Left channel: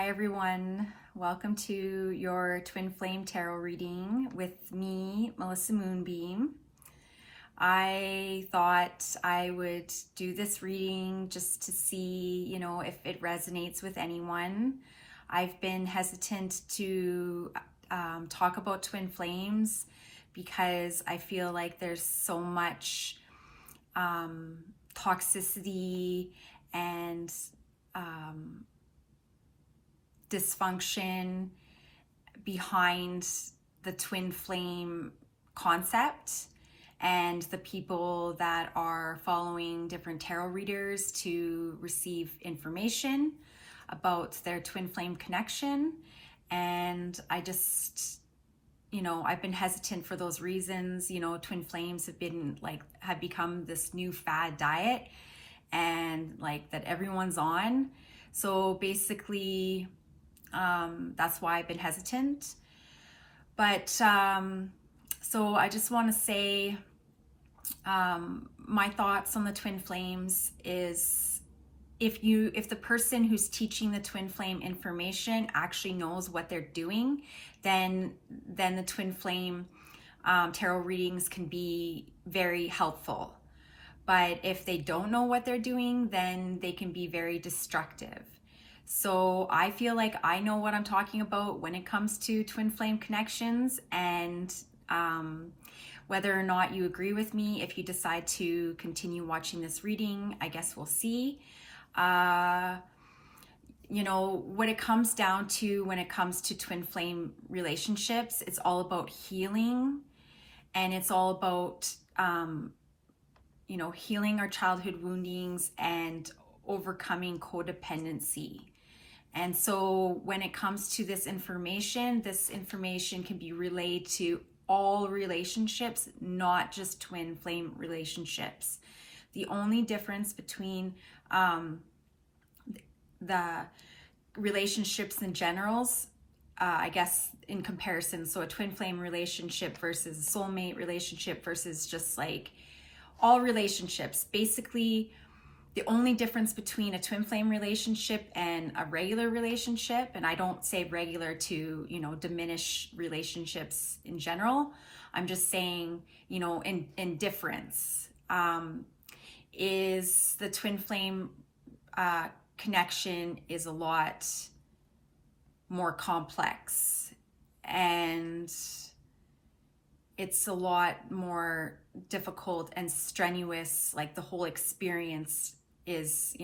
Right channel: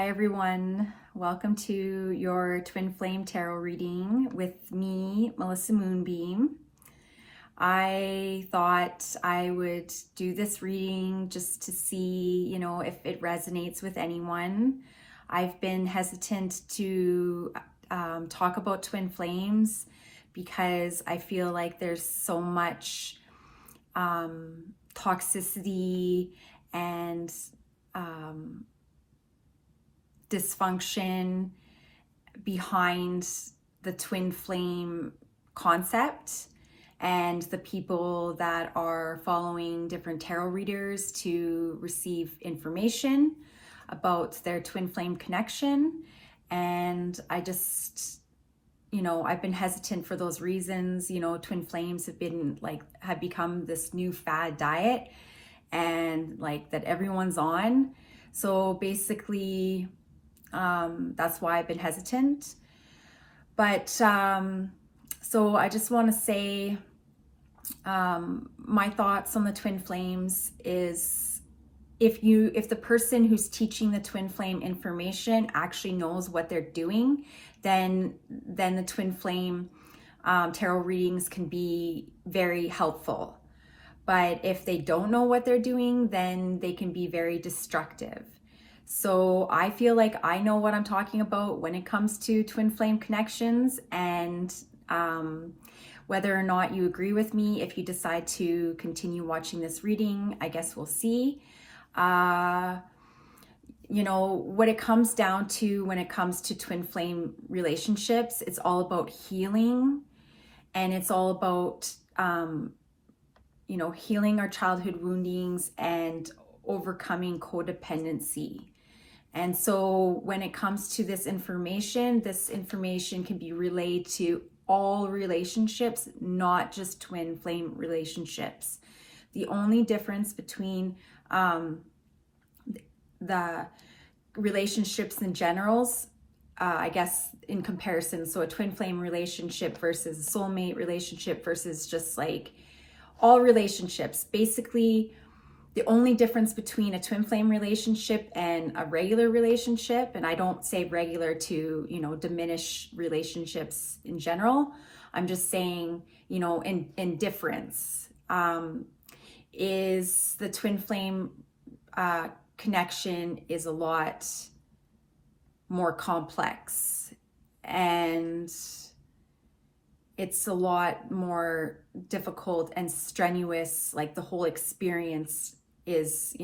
Hi everyone, welcome to your Twin Flame Tarot reading with me, Melissa Moonbeam. I thought I would do this reading just to see, if it resonates with anyone. I've been hesitant to talk about twin flames because I feel like there's so much toxicity and dysfunction behind the twin flame concept, and the people that are following different tarot readers to receive information about their twin flame connection. And I just, I've been hesitant for those reasons. Twin flames have become this new fad diet, and that everyone's on. So basically, that's why I've been hesitant. But so I just want to say my thoughts on the twin flames is if the person who's teaching the twin flame information actually knows what they're doing, then the twin flame tarot readings can be very helpful. But if they don't know what they're doing, then they can be very destructive. So I feel like I know what I'm talking about when it comes to twin flame connections, and whether or not you agree with me, if you decide to continue watching this reading, I guess we'll see. What it comes down to when it comes to twin flame relationships, it's all about healing, and it's all about healing our childhood woundings and overcoming codependency. And so when it comes to this information can be relayed to all relationships, not just twin flame relationships. The only difference between the relationships in generals, I guess in comparison, so a twin flame relationship versus a soulmate relationship versus just all relationships, basically the only difference between a twin flame relationship and a regular relationship, and I don't say regular to, diminish relationships in general. I'm just saying, in difference, is the twin flame connection is a lot more complex, and it's a lot more difficult and strenuous. The whole experience is,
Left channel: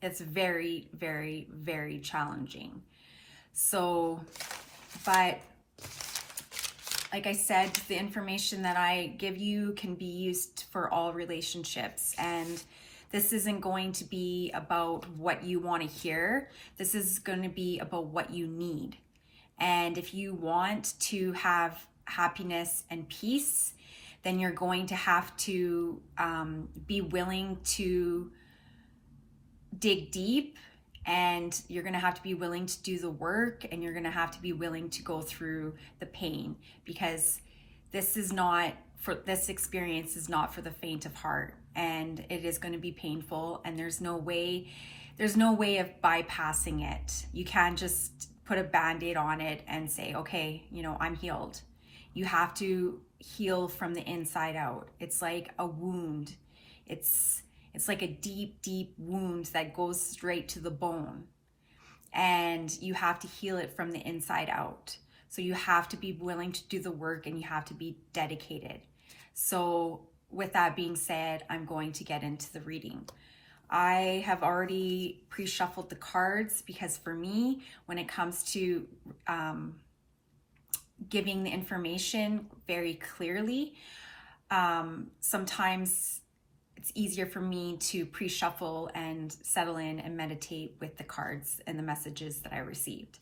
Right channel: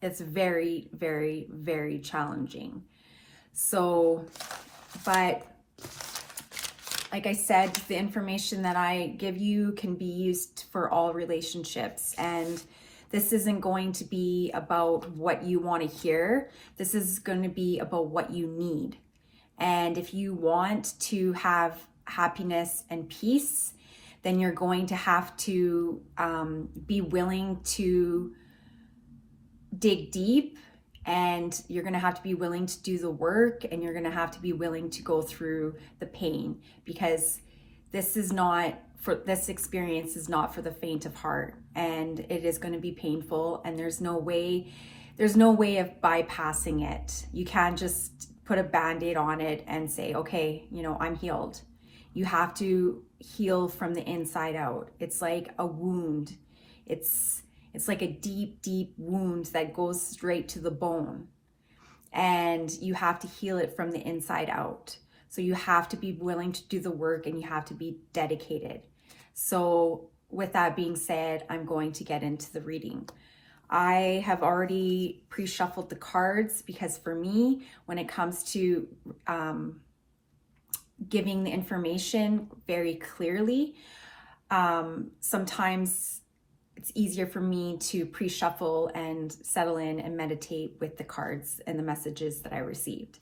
it's very, very, very challenging. So, but like I said, the information that I give you can be used for all relationships. And this isn't going to be about what you want to hear. This is going to be about what you need. And if you want to have happiness and peace, then you're going to have to be willing to dig deep, and you're going to have to be willing to do the work, and you're going to have to be willing to go through the pain, because this experience is not for the faint of heart, and it is going to be painful, and there's no way of bypassing it. You can't just put a band-aid on it and say, okay, I'm healed. You have to heal from the inside out. It's like a wound. It's like a deep, deep wound that goes straight to the bone. And you have to heal it from the inside out. So you have to be willing to do the work, and you have to be dedicated. So with that being said, I'm going to get into the reading. I have already pre-shuffled the cards because for me, when it comes to giving the information very clearly, sometimes it's easier for me to pre-shuffle and settle in and meditate with the cards and the messages that I received.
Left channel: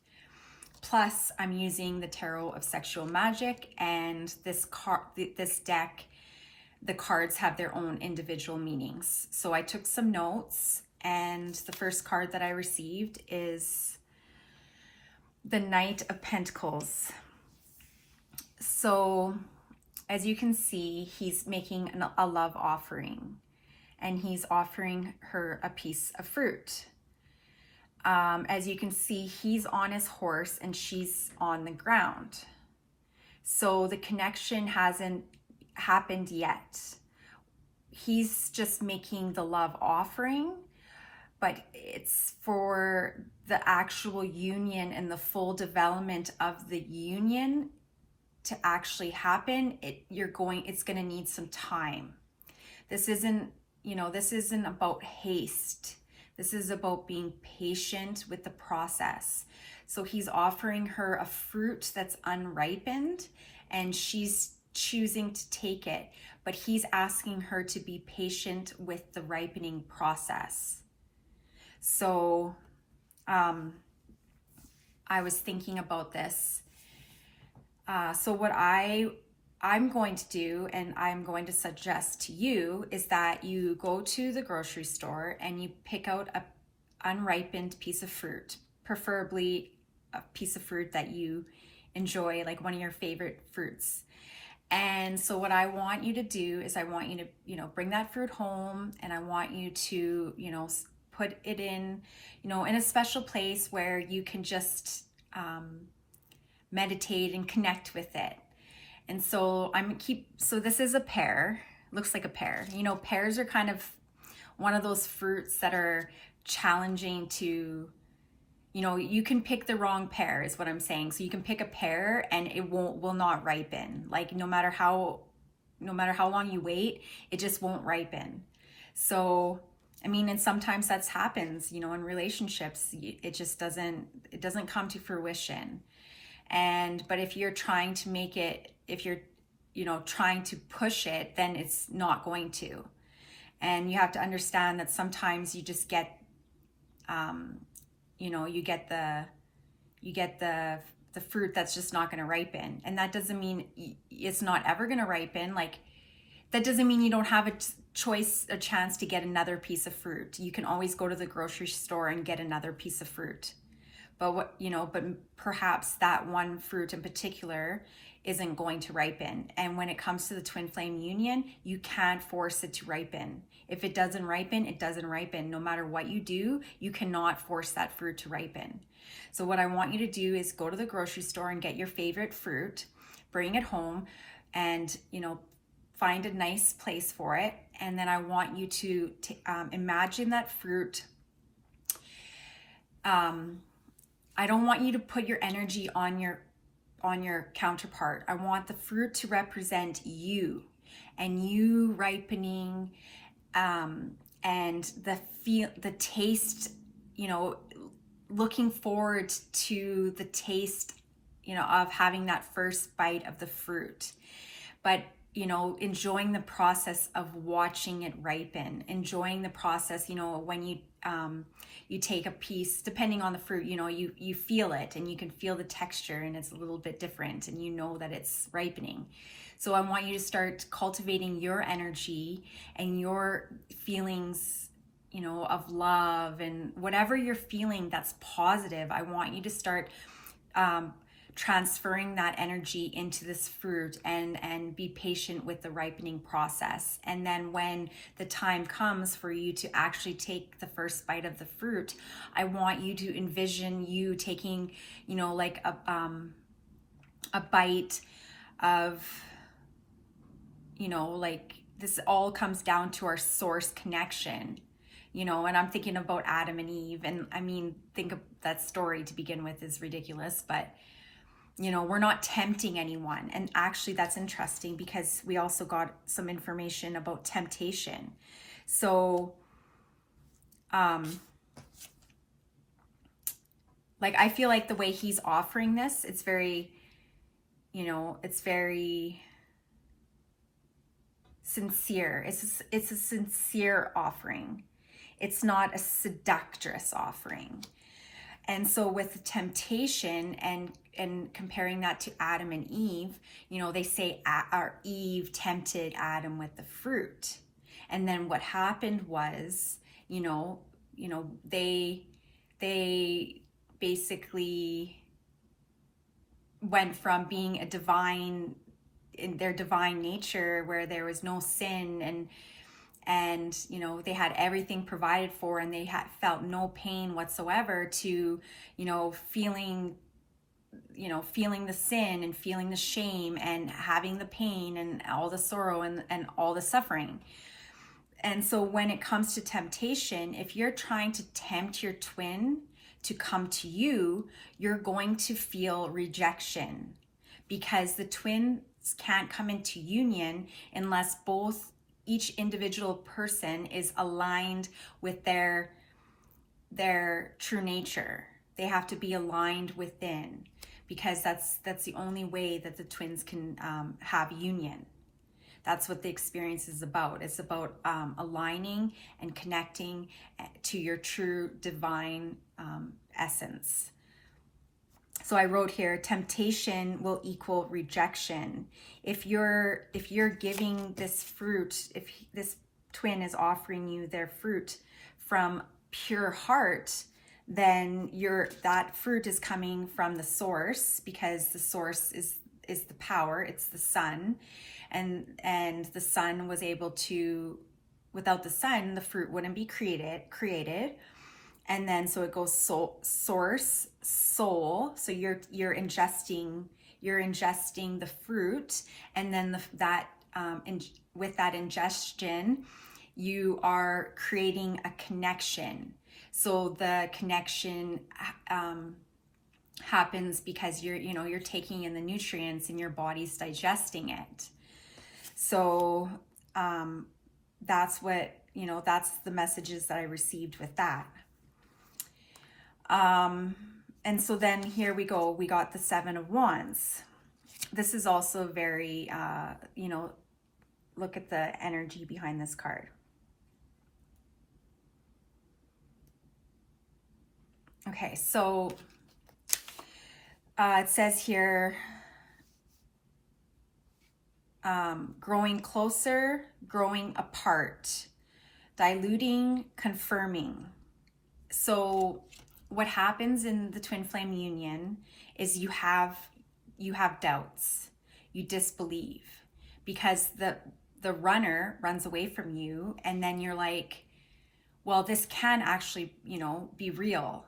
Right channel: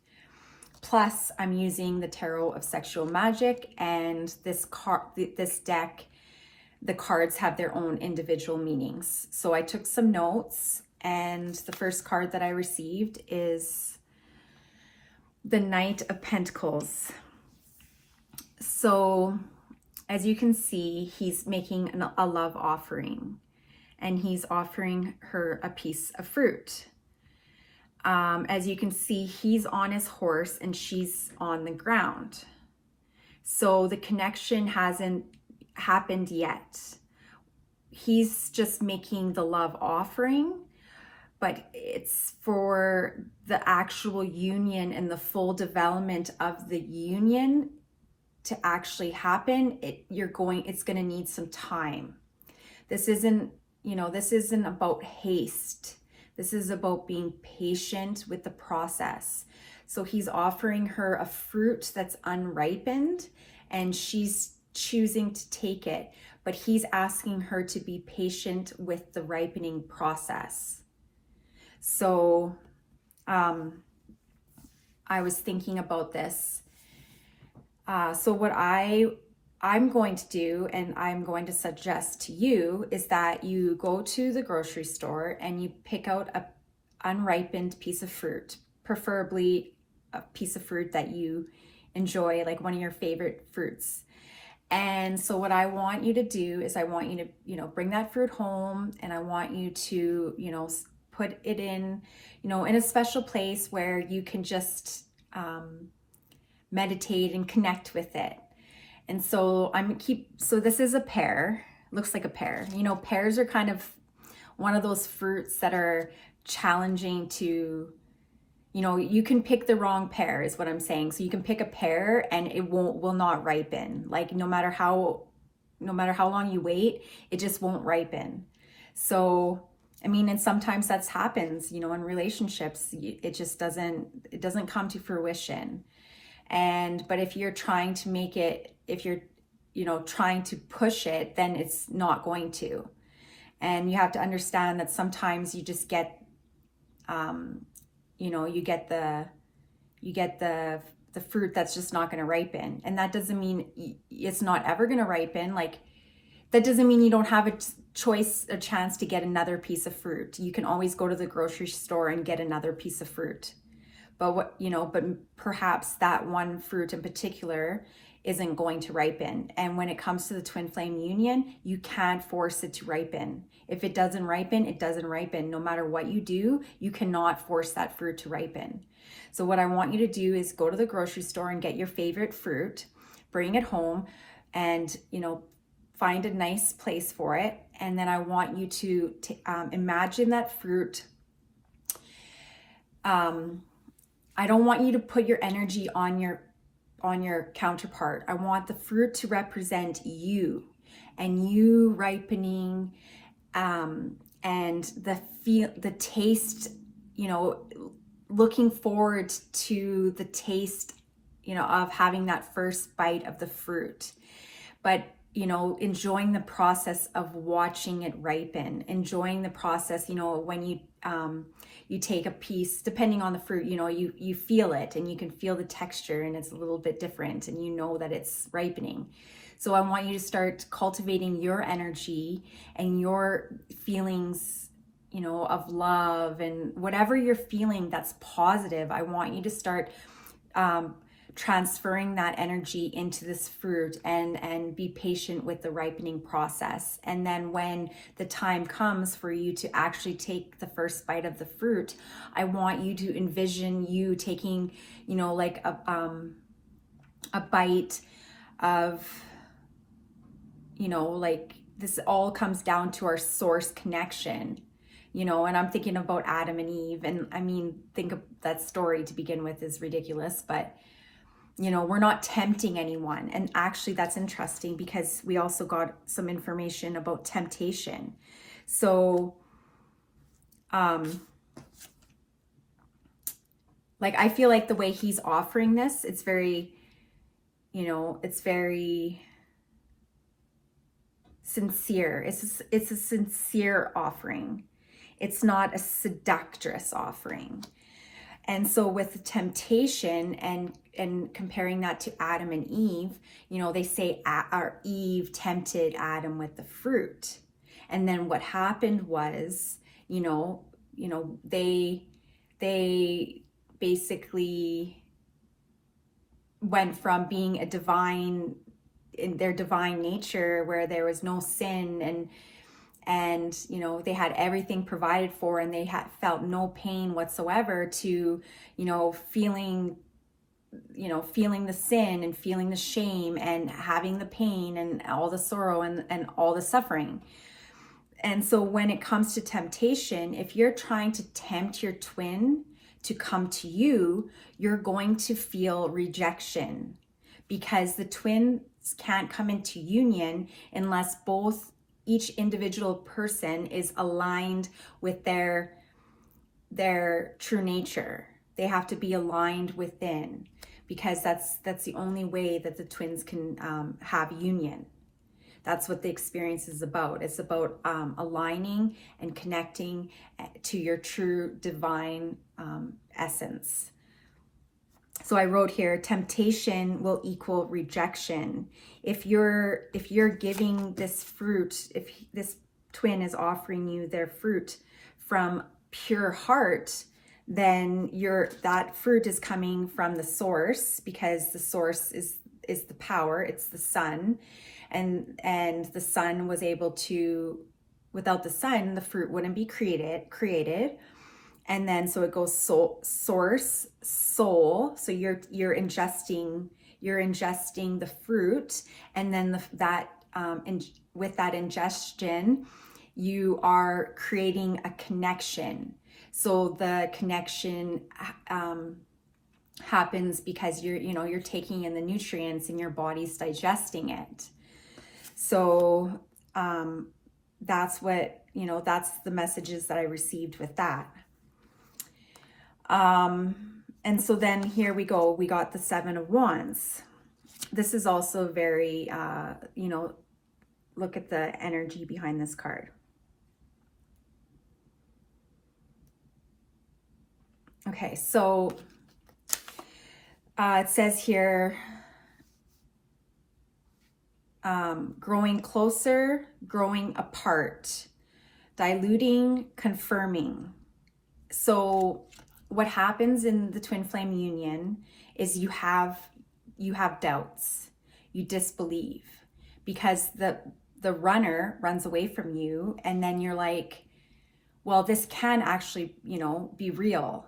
Plus, I'm using the Tarot of Sexual Magic, and this deck, the cards have their own individual meanings. So I took some notes, and the first card that I received is the Knight of Pentacles. So as you can see, he's making a love offering, and he's offering her a piece of fruit. as you can see, he's on his horse and she's on the ground. So the connection hasn't happened yet. He's just making the love offering, but it's for the actual union and the full development of the union to actually happen. It's going to need some time. This isn't about haste. This is about being patient with the process. So he's offering her a fruit that's unripened and she's choosing to take it, but he's asking her to be patient with the ripening process. So I was thinking about this. So what I'm going to do, and I'm going to suggest to you, is that you go to the grocery store and you pick out a unripened piece of fruit, preferably a piece of fruit that you enjoy, like one of your favorite fruits. And so what I want you to do is I want you to, bring that fruit home, and I want you to, put it in, in a special place where you can just meditate and connect with it. And so so this is a pear, looks like a pear. Pears are kind of one of those fruits that are challenging to, you can pick the wrong pear is what I'm saying. So you can pick a pear and it will not ripen. Like no matter how long you wait, it just won't ripen. So, and sometimes that happens, in relationships, it doesn't come to fruition. But if you're trying to make it, if you're, trying to push it, then it's not going to. And you have to understand that sometimes you just get, you get the fruit that's just not going to ripen. And that doesn't mean it's not ever going to ripen. Like, that doesn't mean you don't have a chance to get another piece of fruit. You can always go to the grocery store and get another piece of fruit. But but perhaps that one fruit in particular isn't going to ripen. And when it comes to the twin flame union, you can't force it to ripen. If it doesn't ripen, it doesn't ripen. No matter what you do, you cannot force that fruit to ripen. So what I want you to do is go to the grocery store and get your favorite fruit, bring it home, and find a nice place for it. And then I want you to imagine that fruit. I don't want you to put your energy on your counterpart. I want the fruit to represent you and you ripening, and the taste, looking forward to the taste, of having that first bite of the fruit. But enjoying the process of watching it ripen, enjoying the process, when you take a piece, depending on the fruit, you feel it and you can feel the texture and it's a little bit different and that it's ripening. So I want you to start cultivating your energy and your feelings, of love and whatever you're feeling that's positive. I want you to start transferring that energy into this fruit and be patient with the ripening process. And then when the time comes for you to actually take the first bite of the fruit, I want you to envision you taking, like a bite of, like this all comes down to our source connection, and I'm thinking about Adam and Eve. And think of that story to begin with is ridiculous, but we're not tempting anyone. And actually that's interesting because we also got some information about temptation. So, like, I feel like the way he's offering this, it's very, it's very sincere. It's a sincere offering. It's not a seductress offering. And so with temptation and comparing that to Adam and Eve, they say our Eve tempted Adam with the fruit. And then what happened was, they basically went from being a divine, in their divine nature where there was no sin and you know, they had everything provided for, and they had felt no pain whatsoever, to, you know, feeling the sin and feeling the shame and having the pain and all the sorrow and all the suffering. And so when it comes to temptation, if you're trying to tempt your twin to come to you, you're going to feel rejection, because the twins can't come into union unless each individual person is aligned with their true nature. They have to be aligned within, because that's the only way that the twins can have union. That's what the experience is about. It's about aligning and connecting to your true divine essence. So I wrote here, temptation will equal rejection. If you're giving this fruit, if this twin is offering you their fruit from pure heart, then that fruit is coming from the source, because the source is the power, it's the sun. And the sun was able to, without the sun, the fruit wouldn't be created. And then so it goes source, soul. So you're ingesting the fruit, and then with that ingestion, you are creating a connection. So the connection happens because you're taking in the nutrients and your body's digesting it. So that's that's the messages that I received with that. And so then here we go, we got the 7 of Wands. This is also very, look at the energy behind this card. Okay, so it says here, growing closer, growing apart, diluting, confirming. So what happens in the twin flame union is you have doubts, you disbelieve, because the runner runs away from you, and then you're like, well, this can actually, be real.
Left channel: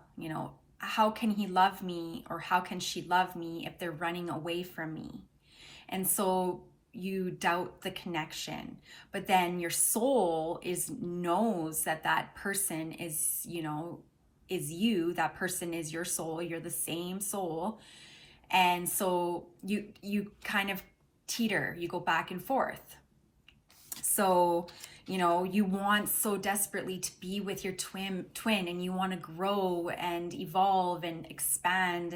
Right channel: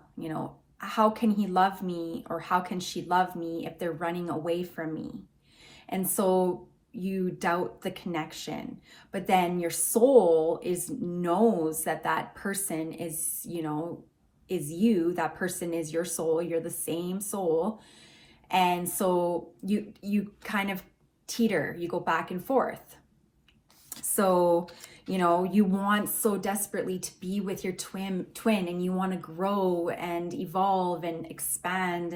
How can he love me, or how can she love me if they're running away from me? And so you doubt the connection, but then your soul knows that person is, is you. That person is your soul. You're the same soul. And so you kind of teeter, you go back and forth. So, you want so desperately to be with your twin, and you want to grow and evolve and expand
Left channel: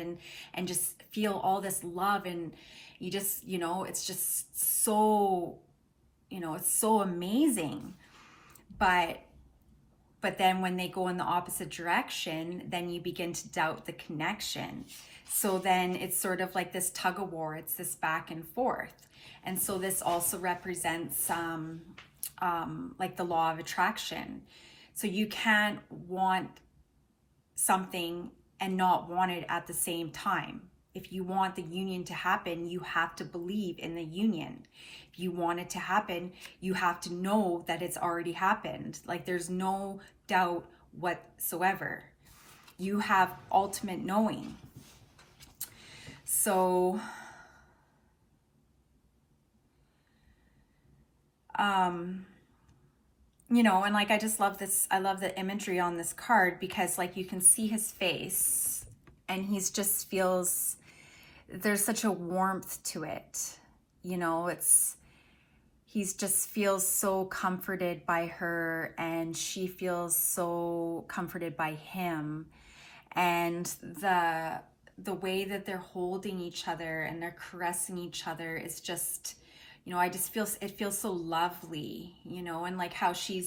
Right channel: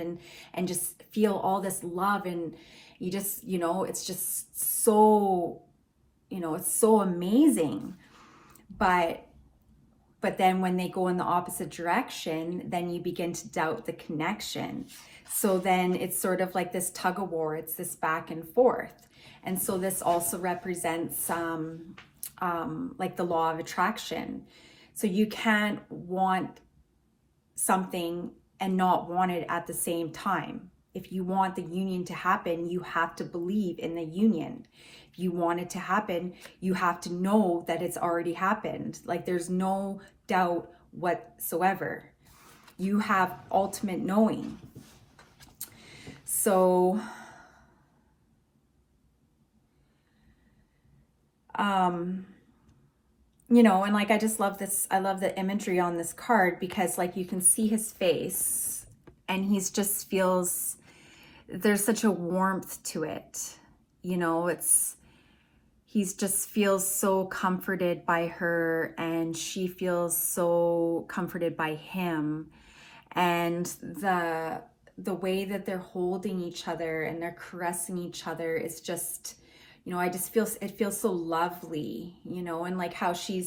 and just feel all this love, and you just, it's just so, it's so amazing. But then when they go in the opposite direction, then you begin to doubt the connection. So then it's sort of like this tug of war. It's this back and forth. And so this also represents like the law of attraction. So you can't want something and not want it at the same time. If you want the union to happen, you have to believe in the union. If you want it to happen, you have to know that it's already happened. Like, there's no doubt whatsoever. You have ultimate knowing. So, and like, I just love this. I love the imagery on this card, because like you can see his face, and he's just feels, there's such a warmth to it. He's just feels so comforted by her, and she feels so comforted by him. And the way that they're holding each other and they're caressing each other is just, I just it feels so lovely, and like how she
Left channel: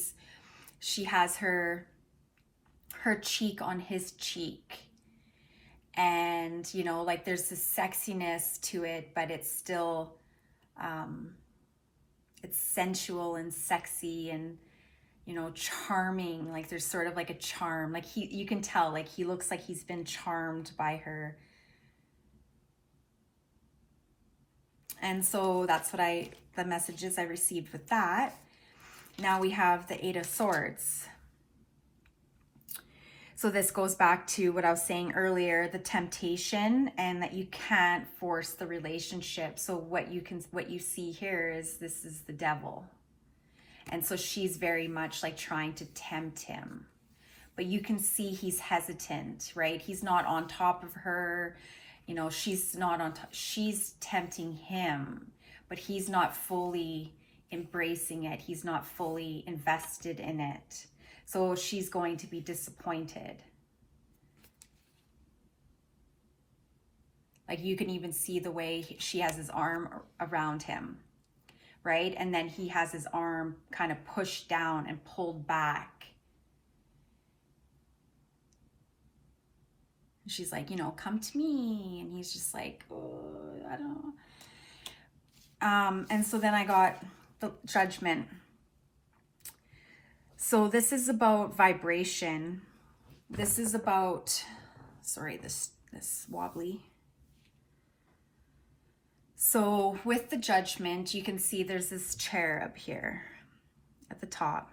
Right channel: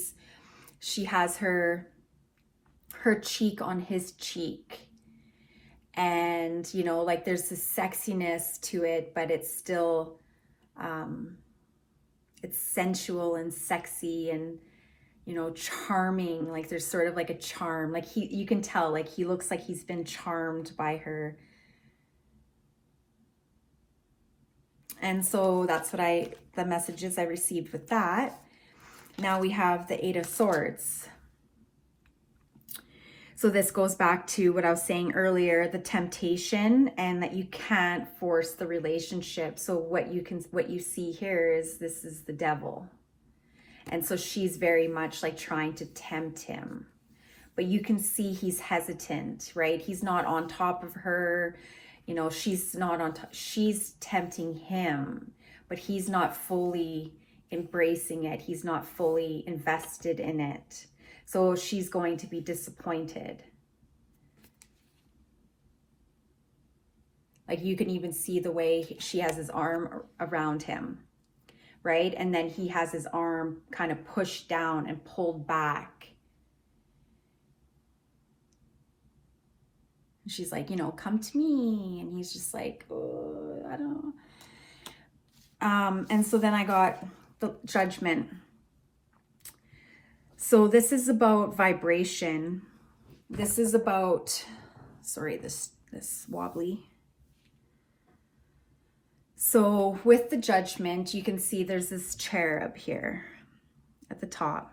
has her cheek on his cheek, and like there's this sexiness to it, but it's still it's sensual and sexy and charming. Like there's sort of like a charm, like you can tell, like he looks like he's been charmed by her. And so that's what the messages I received with that. now we have the Eight of Swords. So this goes back to what I was saying earlier, the temptation, and that you can't force the relationship. So what you see here is this is the devil. And so she's very much like trying to tempt him. But you can see he's hesitant, right? He's not on top of her. You know, she's not on top. She's tempting him, but he's not fully embracing it. He's not fully invested in it. So she's going to be disappointed. Like you can even see the way she has his arm around him, right? And then he has his arm kind of pushed down and pulled back. And she's like, you know, come to me. And he's just like, oh, I don't know. And so then I got the Judgment. So this is about vibration. This is about, sorry, this wobbly. So with the Judgment, you can see there's this cherub here at the top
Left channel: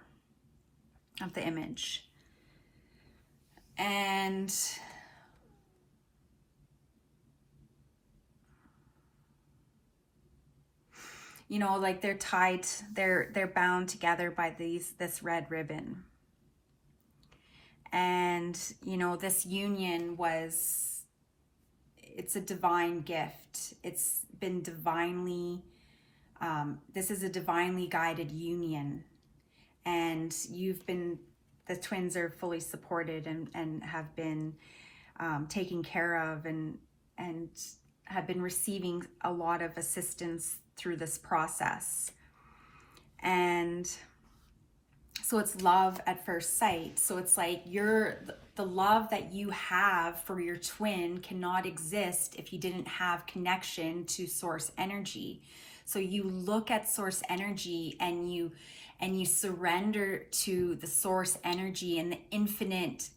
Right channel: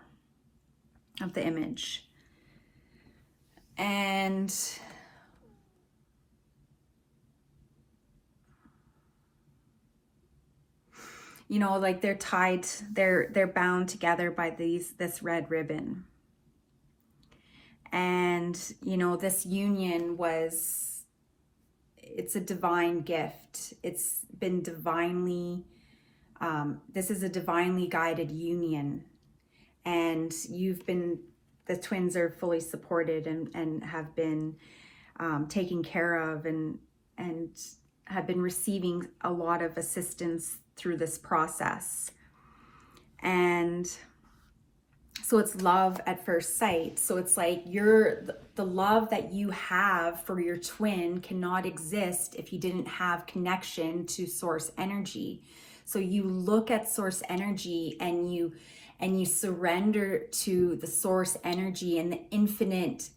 of the image. And you know, like they're tied, they're bound together by this red ribbon. And, you know, this union it's a divine gift. It's been divinely, this is a divinely guided union. And the twins are fully supported and have been taken care of and have been receiving a lot of assistance through this process. And so it's love at first sight. So it's like the love that you have for your twin cannot exist if you didn't have connection to source energy. So you look at source energy and you surrender to the source energy and the infinite,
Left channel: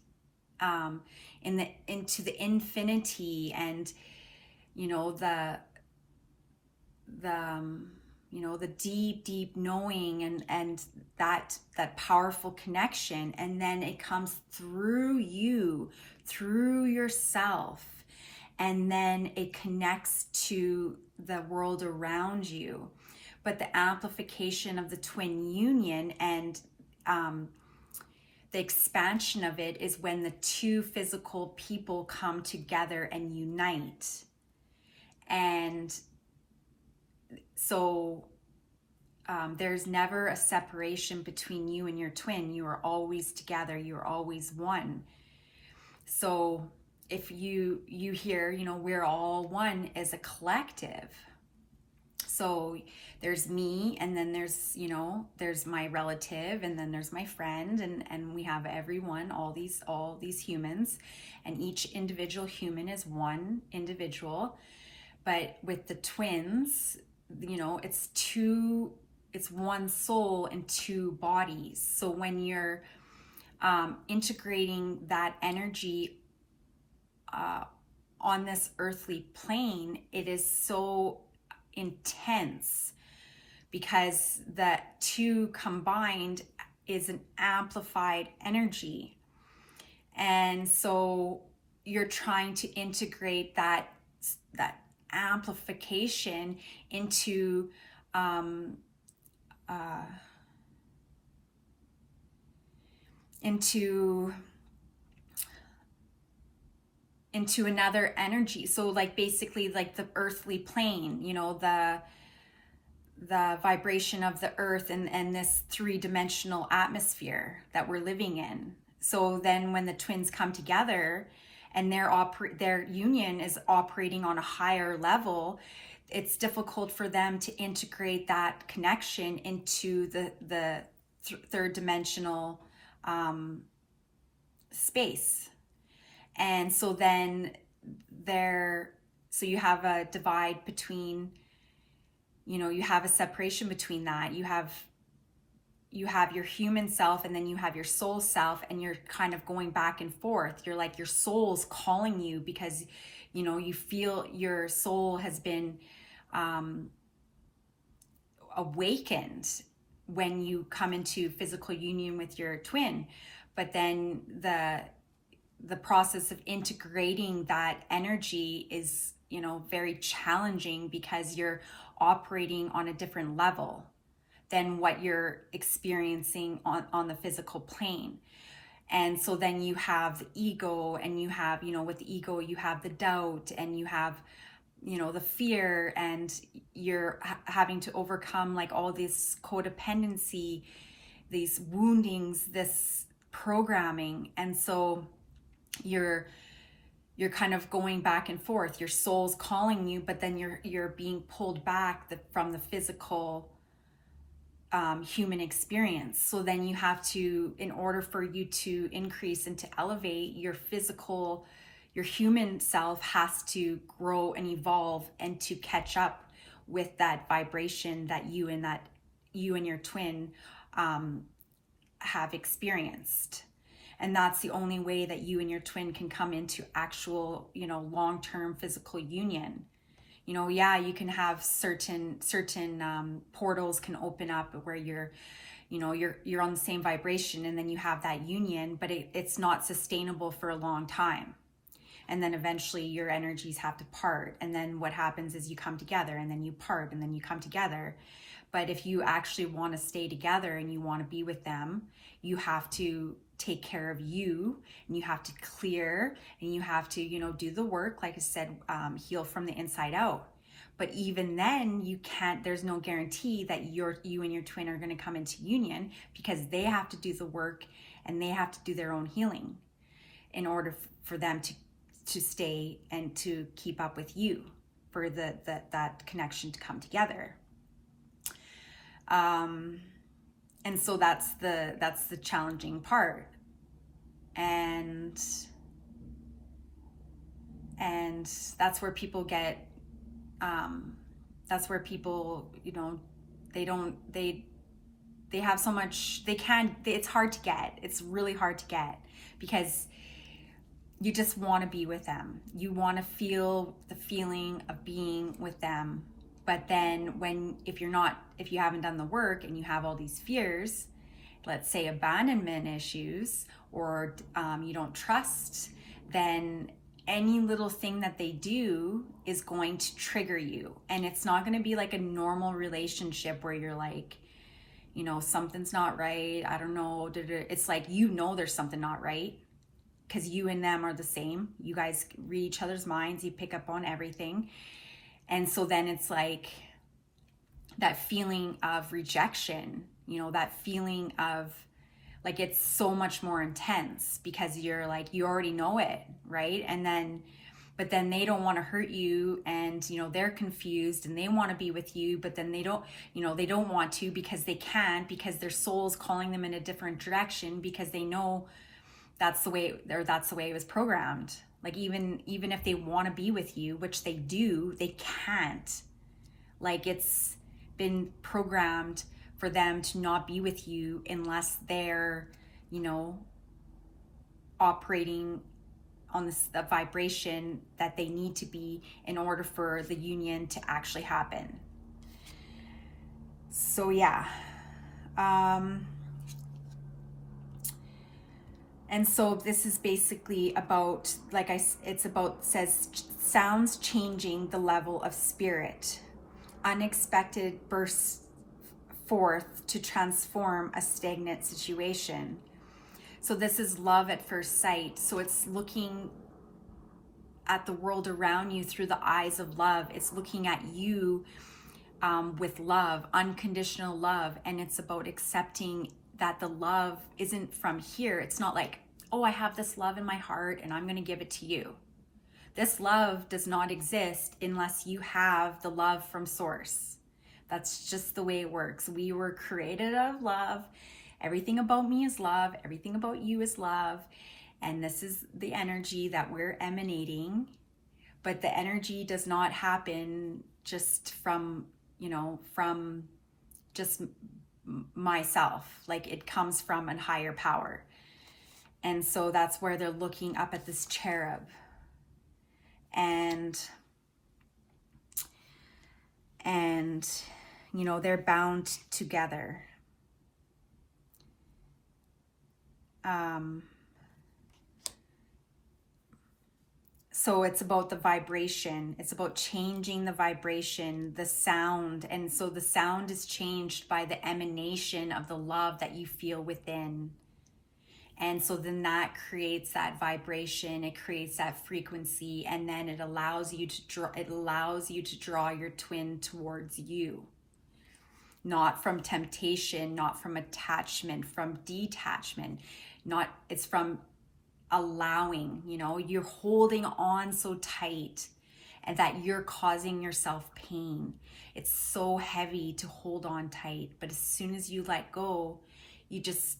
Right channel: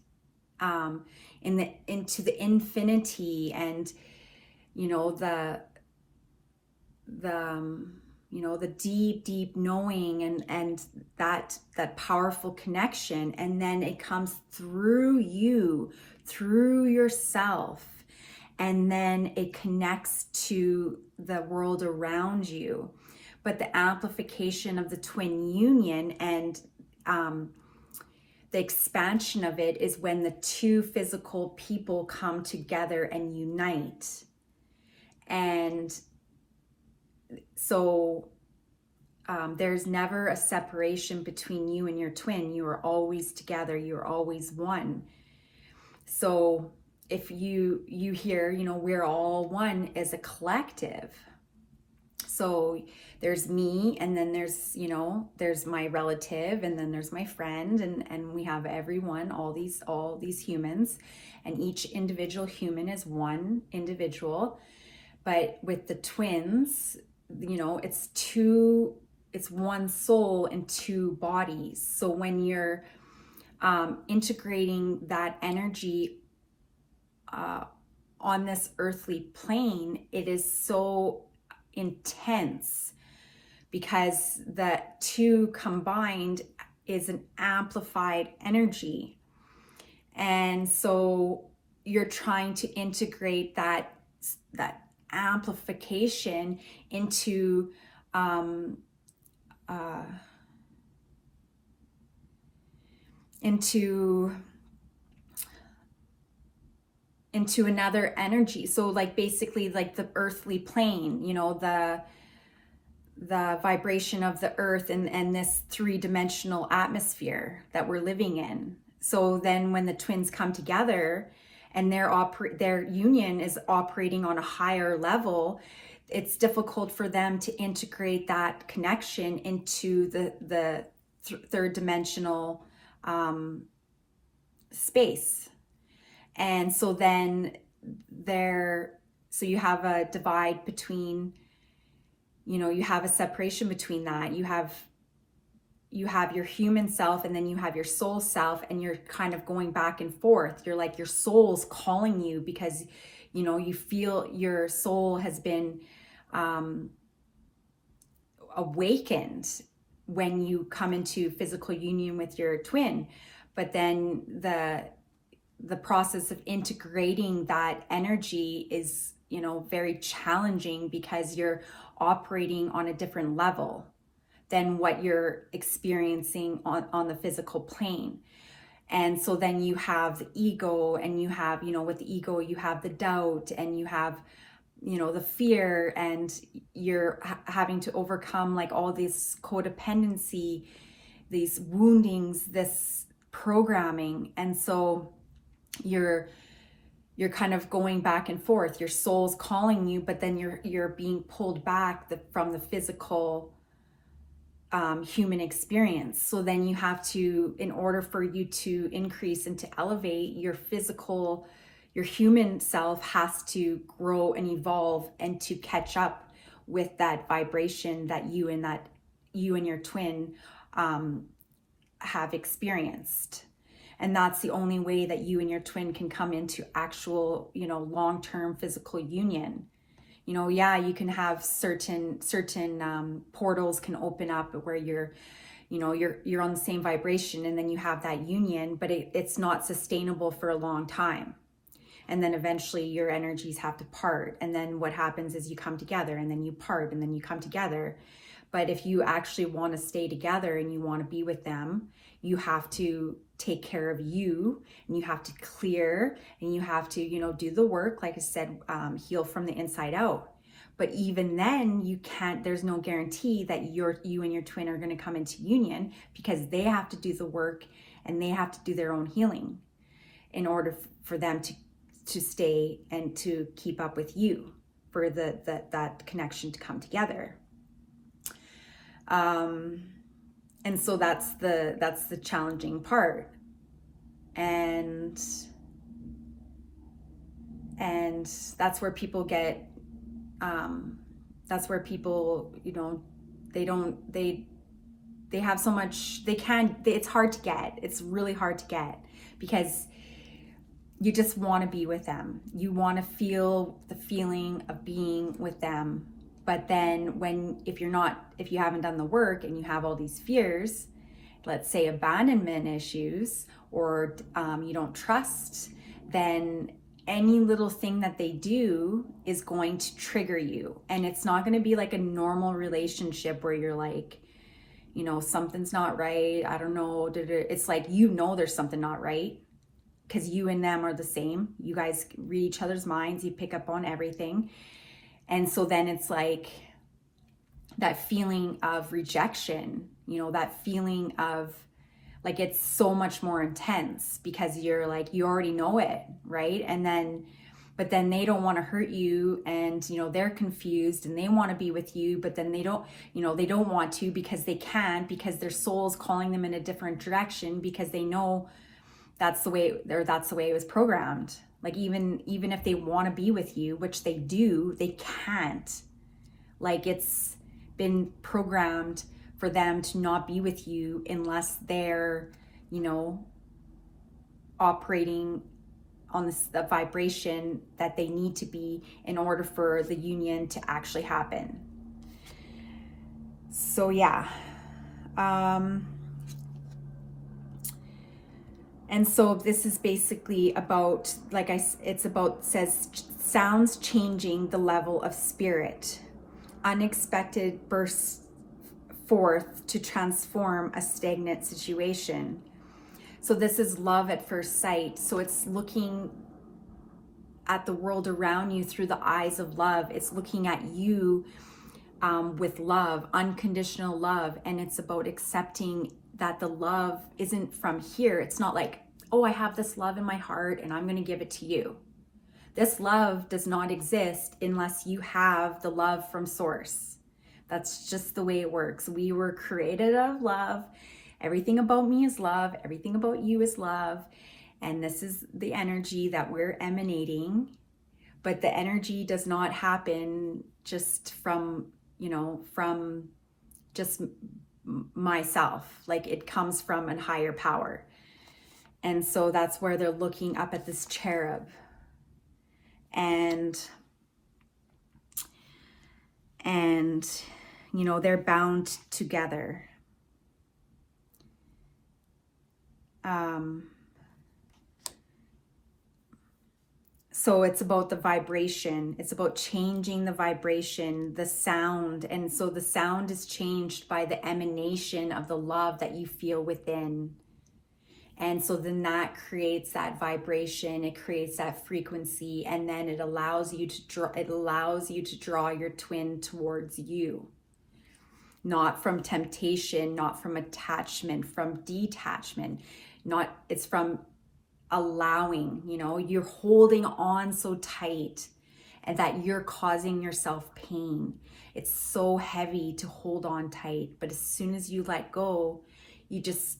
into the infinity, and you know, the deep knowing and that powerful connection. And then it comes through you, through yourself, and then it connects to the world around you. But the amplification of the twin union and the expansion of it is when the two physical people come together and unite. And so there's never a separation between you and your twin. You are always together. You are always one. So if you hear, you know, we're all one as a collective. So there's me, and then there's, you know, there's my relative, and then there's my friend, and we have everyone, all these humans, and each individual human is one individual. But with the twins, you know, it's one soul and two bodies. So when you're integrating that energy on this earthly plane, it is so intense because the two combined is an amplified energy. And so you're trying to integrate that amplification into another energy. So like basically like the earthly plane, you know, the vibration of the earth and this three-dimensional atmosphere that we're living in. So then when the twins come together and their union is operating on a higher level, it's difficult for them to integrate that connection into the third dimensional space. And so then so you have a divide between, you know, you have a separation between that. You have your human self, and then you have your soul self, and you're kind of going back and forth. You're like, your soul's calling you because, you know, you feel your soul has been awakened, when you come into physical union with your twin. But then the process of integrating that energy is, you know, very challenging because you're operating on a different level than what you're experiencing on the physical plane. And so then you have the ego, and you have, you know, with the ego, you have the doubt, and you have, you know, the fear, and you're having to overcome like all this codependency, these woundings, this programming. And so you're kind of going back and forth. Your soul's calling you, but then you're being pulled back from the physical human experience. So then you have to, in order for you to increase and to elevate, your human self has to grow and evolve and to catch up with that vibration that you and your twin have experienced. And that's the only way that you and your twin can come into actual, you know, long-term physical union. You know, yeah, you can have certain portals can open up where you're on the same vibration, and then you have that union, but it's not sustainable for a long time. And then eventually your energies have to part. And then what happens is you come together, and then you part, and then you come together. But if you actually want to stay together and you want to be with them, you have to take care of you, and you have to clear, and you have to, you know, do the work, like I said, heal from the inside out. But even then, you can't, there's no guarantee that you and your twin are going to come into union, because they have to do the work and they have to do their own healing in order for them to stay and to keep up with you, for that connection to come together. And so that's the challenging part. And that's where people get, that's where people, you know, they have so much, it's hard to get. It's really hard to get, because you just want to be with them. You want to feel the feeling of being with them. But then if you haven't done the work and you have all these fears, let's say abandonment issues, or you don't trust, then any little thing that they do is going to trigger you. And it's not going to be like a normal relationship where you're like, you know, something's not right, I don't know. It's like, you know, there's something not right, because you and them are the same. You guys read each other's minds, you pick up on everything. And so then it's like that feeling of rejection, you know, that feeling of like, it's so much more intense, because you're like, you already know it, right? But then they don't want to hurt you, and, you know, they're confused and they want to be with you, but then they don't want to, because they can't, because their soul's calling them in a different direction, because they know that's the way it was programmed. Like, even if they want to be with you, which they do, they can't. Like, it's been programmed for them to not be with you unless they're, you know, operating on the vibration that they need to be in order for the union to actually happen. So yeah. And so this is basically about, sounds changing the level of spirit. Unexpected bursts forth to transform a stagnant situation. So this is love at first sight. So it's looking at the world around you through the eyes of love. It's looking at you with love, unconditional love. And it's about accepting that the love isn't from here. It's not like, oh, I have this love in my heart and I'm going to give it to you. This love does not exist unless you have the love from source. That's just the way it works. We were created out of love. Everything about me is love. Everything about you is love. And this is the energy that we're emanating. But the energy does not happen just from just myself. Like, it comes from a higher power. And so that's where they're looking up at this cherub. And you know, they're bound together. So it's about the vibration. It's about changing the vibration, the sound. And so the sound is changed by the emanation of the love that you feel within. And so then that creates that vibration, it creates that frequency, and then it allows you to draw your twin towards you. Not from temptation, not from attachment, from detachment. It's from allowing, you're holding on so tight and that you're causing yourself pain. It's so heavy to hold on tight, but as soon as you let go, you just,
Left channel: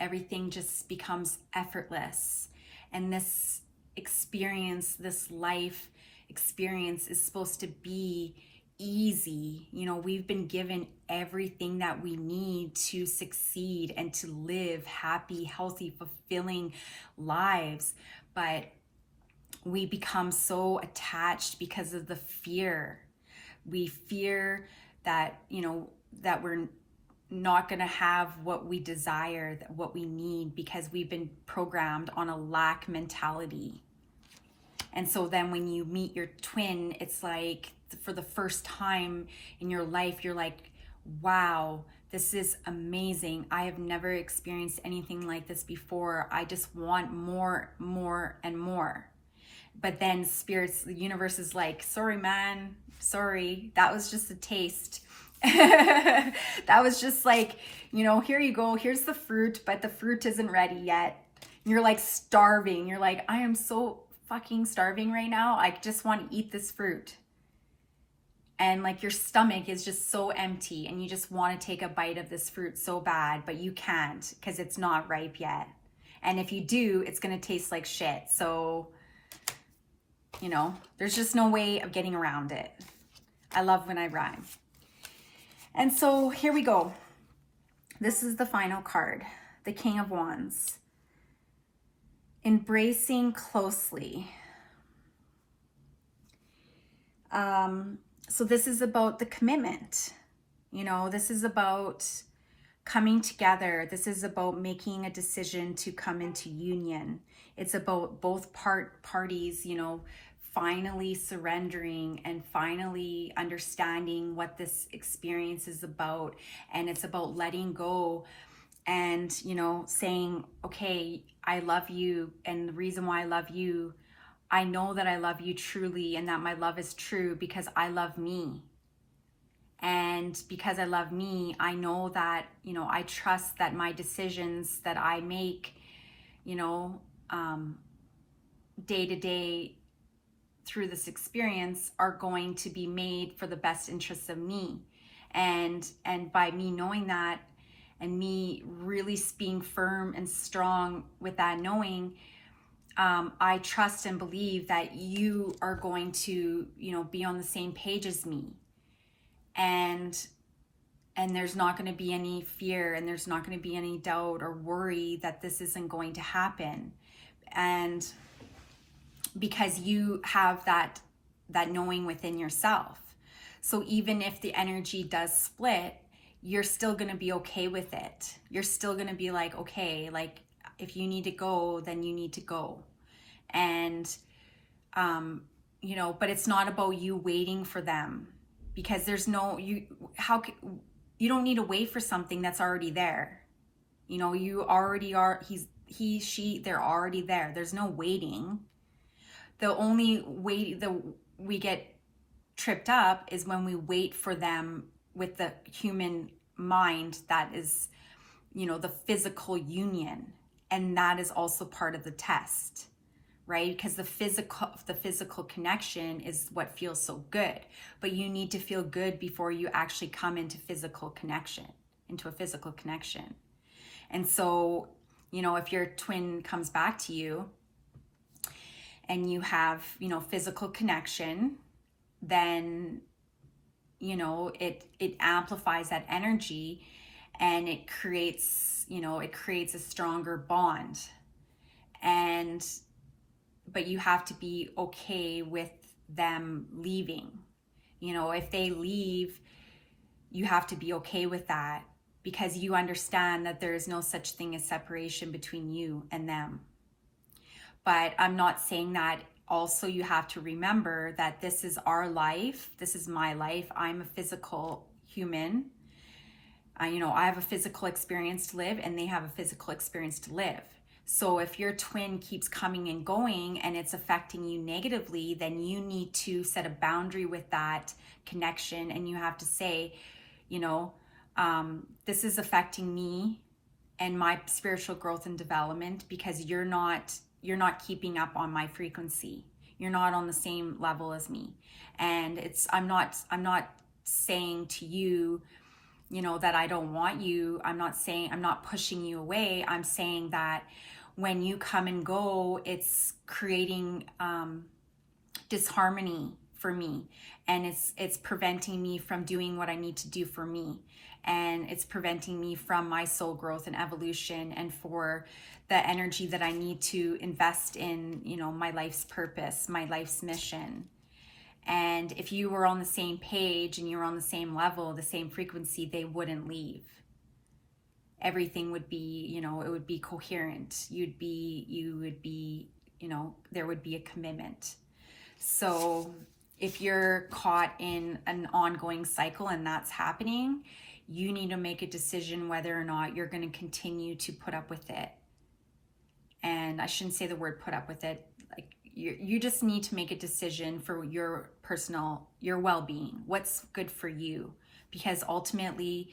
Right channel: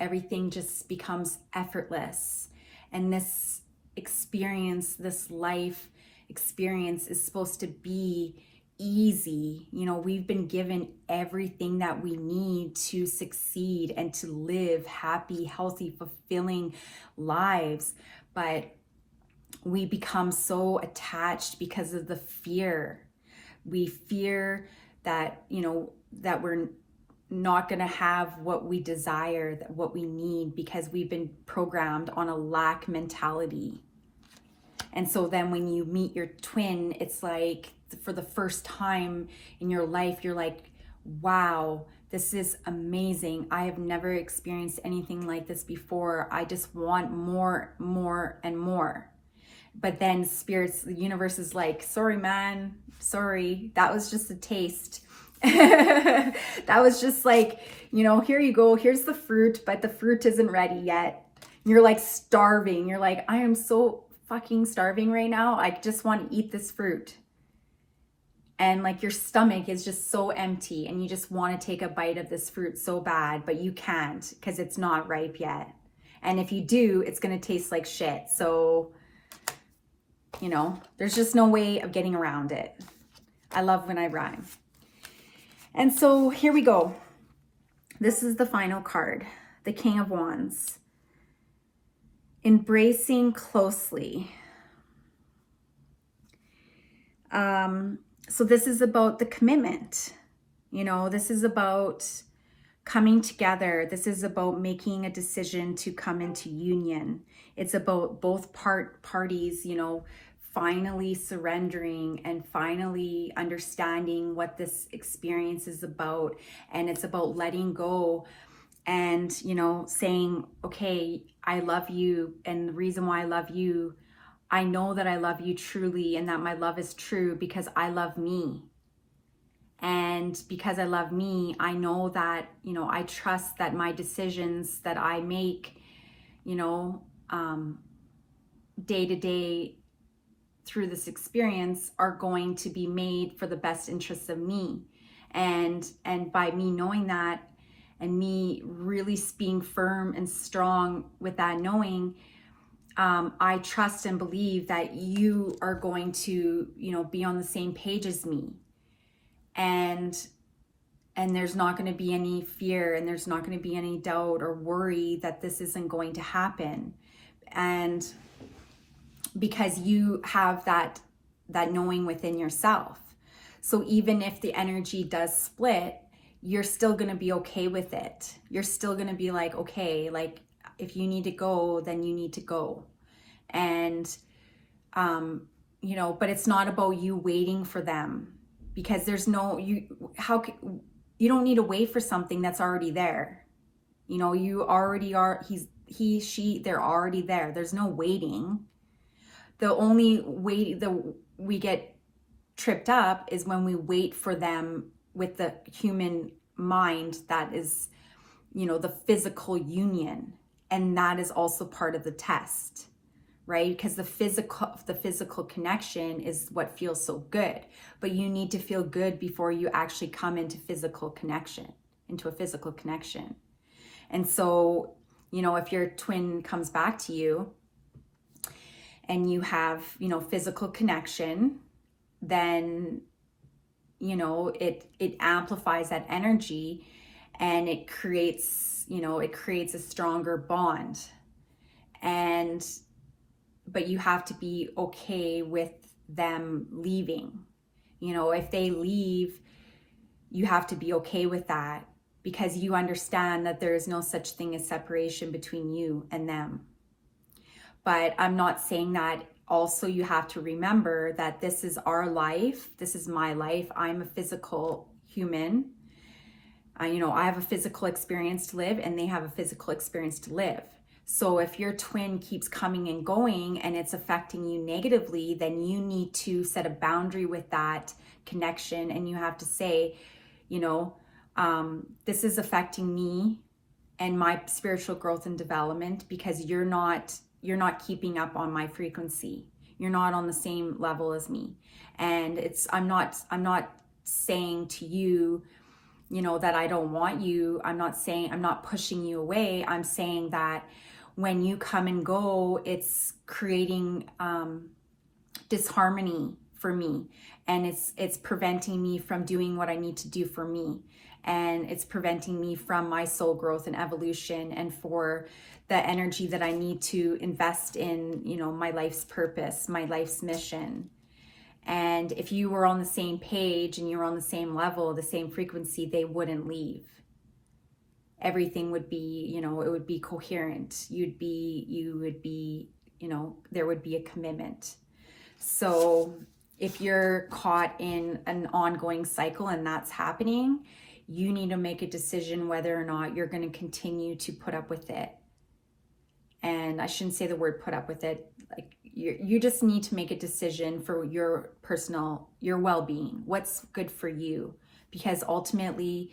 everything just becomes effortless. And this experience, this life experience is supposed to be easy. We've been given everything that we need to succeed and to live happy, healthy, fulfilling lives, but we become so attached because of the fear. We fear that, that we're not going to have what we desire, what we need, because we've been programmed on a lack mentality. And so then when you meet your twin, it's like for the first time in your life, you're like, wow, this is amazing. I have never experienced anything like this before. I just want more, more, and more. But then the universe is like, sorry, man, sorry. That was just a taste. That was just like, here you go. Here's the fruit, but the fruit isn't ready yet. And you're like starving. You're like, I am so fucking starving right now. I just want to eat this fruit. And like your stomach is just so empty and you just want to take a bite of this fruit so bad, but you can't because it's not ripe yet. And if you do, it's going to taste like shit. So, there's just no way of getting around it. I love when I rhyme. And so here we go. This is the final card, the King of Wands. Embracing closely. So this is about the commitment. This is about coming together. This is about making a decision to come into union. It's about both parties, finally surrendering and finally understanding what this experience is about. And it's about letting go and, saying, okay, I love you. And the reason why I love you, I know that I love you truly and that my love is true because I love me. And because I love me, I know that, I trust that my decisions that I make, day to day through this experience are going to be made for the best interests of me. And by me knowing that and me really being firm and strong with that knowing, I trust and believe that you are going to, be on the same page as me. And there's not going to be any fear and there's not going to be any doubt or worry that this isn't going to happen. And because you have that knowing within yourself. So even if the energy does split, you're still going to be okay with it. You're still going to be like, okay, like if you need to go, then you need to go. And, but it's not about you waiting for them because there's you don't need to wait for something that's already there. You already are, she, they're already there. There's no waiting. The only way that we get tripped up is when we wait for them with the human mind that is, the physical union. And that is also part of the test, right? Because the physical connection is what feels so good. But you need to feel good before you actually come into a physical connection. And so, if your twin comes back to you and you have, physical connection, then, it amplifies that energy and it creates a stronger bond. But you have to be okay with them leaving. If they leave, you have to be okay with that because you understand that there is no such thing as separation between you and them. But I'm not saying that also you have to remember that this is our life. This is my life. I'm a physical human. I have a physical experience to live, and they have a physical experience to live. So if your twin keeps coming and going and it's affecting you negatively, then you need to set a boundary with that connection. And you have to say, this is affecting me and my spiritual growth and development, because you're not keeping up on my frequency. You're not on the same level as me. And I'm not saying to you, that I don't want you. I'm not pushing you away. I'm saying that when you come and go, it's creating disharmony for me. And it's preventing me from doing what I need to do for me. And it's preventing me from my soul growth and evolution, and for the energy that I need to invest in, my life's purpose, my life's mission. And if you were on the same page and you were on the same level, the same frequency, they wouldn't leave. Everything would be, it would be coherent. You would be, there would be a commitment. So if you're caught in an ongoing cycle and that's happening, you need to make a decision whether or not you're going to continue to put up with it. And I shouldn't say the word put up with it. Like, you just need to make a decision for your well-being, what's good for you, because ultimately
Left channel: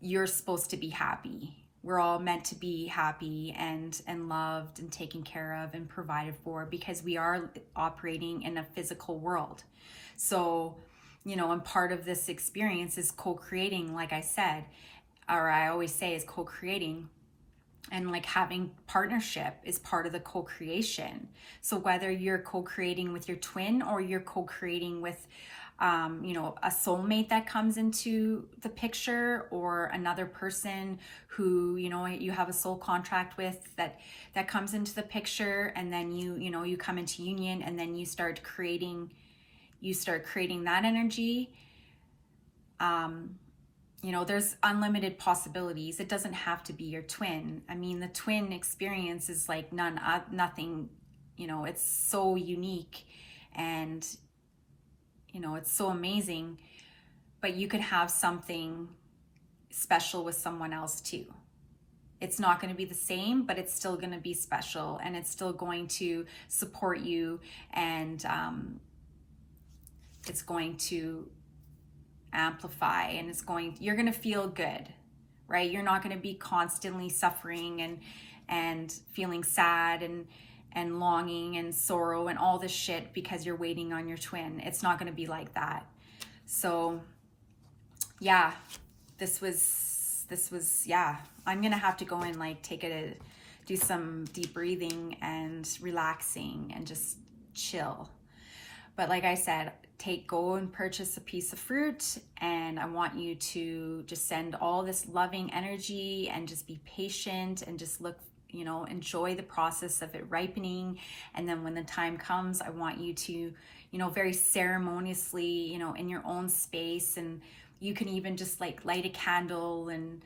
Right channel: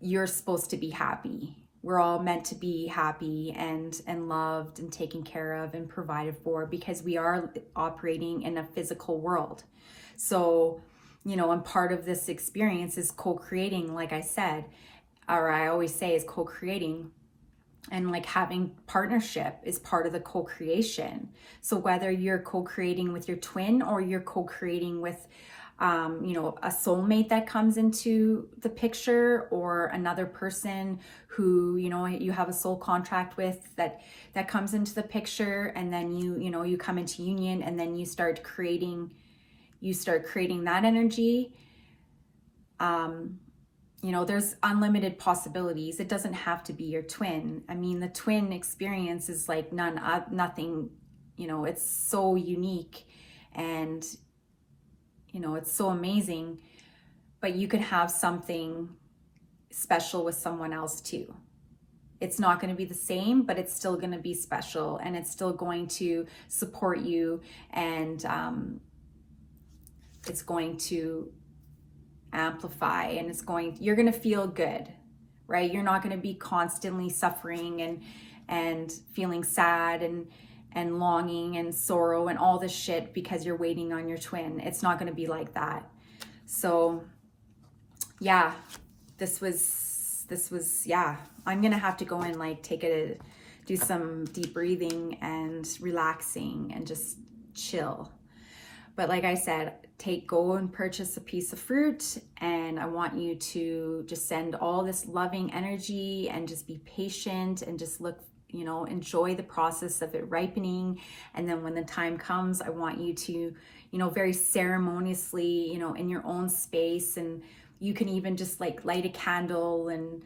you're supposed to be happy. We're all meant to be happy and loved and taken care of and provided for, because we are operating in a physical world. So, and part of this experience is co-creating, like I said, or I always say is co-creating. And like having partnership is part of the co-creation. So whether you're co-creating with your twin or you're co-creating with, a soulmate that comes into the picture, or another person who, you have a soul contract with that comes into the picture, and then you come into union, and then you start creating that energy. There's unlimited possibilities. It doesn't have to be your twin. I mean, the twin experience is like nothing, it's so unique, and, it's so amazing, but you could have something special with someone else too. It's not going to be the same, but it's still going to be special, and it's still going to support you, and it's going to amplify, and you're going to feel good, right? You're not going to be constantly suffering and feeling sad and longing and sorrow and all this shit because you're waiting on your twin. It's not going to be like that. So yeah, this was I'm going to have to go and do some deep breathing and relaxing and just chill. But like I said, go and purchase a piece of fruit, and I want you to just send all this loving energy and just be patient and just enjoy the process of it ripening. And then when the time comes, I want you to, very ceremoniously, in your own space, and you can even just light a candle and,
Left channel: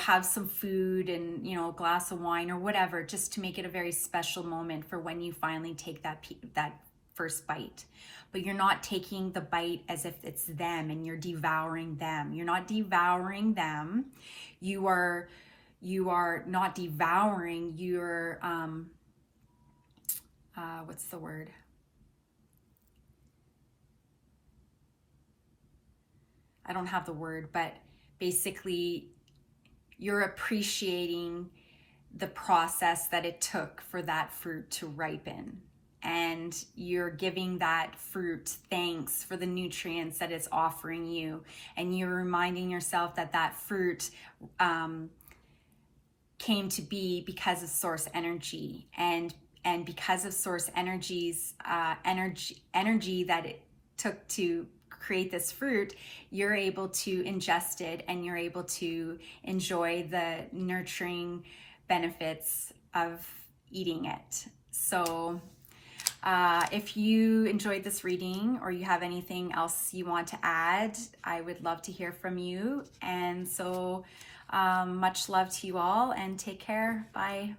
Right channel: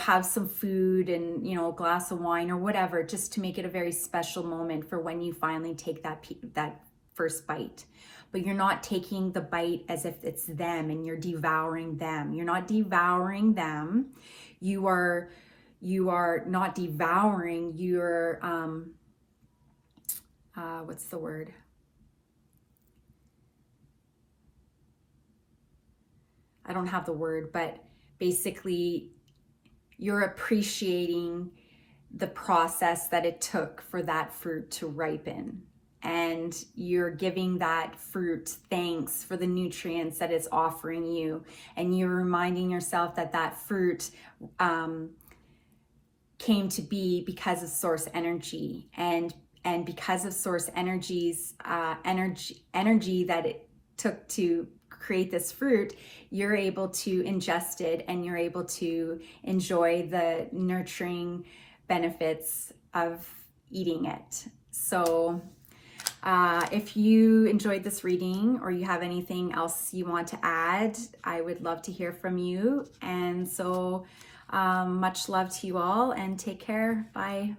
have some food and, a glass of wine or whatever, just to make it a very special moment for when you finally take that first bite. But you're not taking the bite as if it's them and you're devouring them. You're not devouring them. You are not devouring. You're, what's the word? I don't have the word, but basically you're appreciating the process that it took for that fruit to ripen. And you're giving that fruit thanks for the nutrients that it's offering you. And you're reminding yourself that fruit came to be because of source energy. And because of source energy's energy that it took to create this fruit, you're able to ingest it, and you're able to enjoy the nurturing benefits of eating it. So if you enjoyed this reading, or you have anything else you want to add, I would love to hear from you. And so Much love to you all and take care. Bye.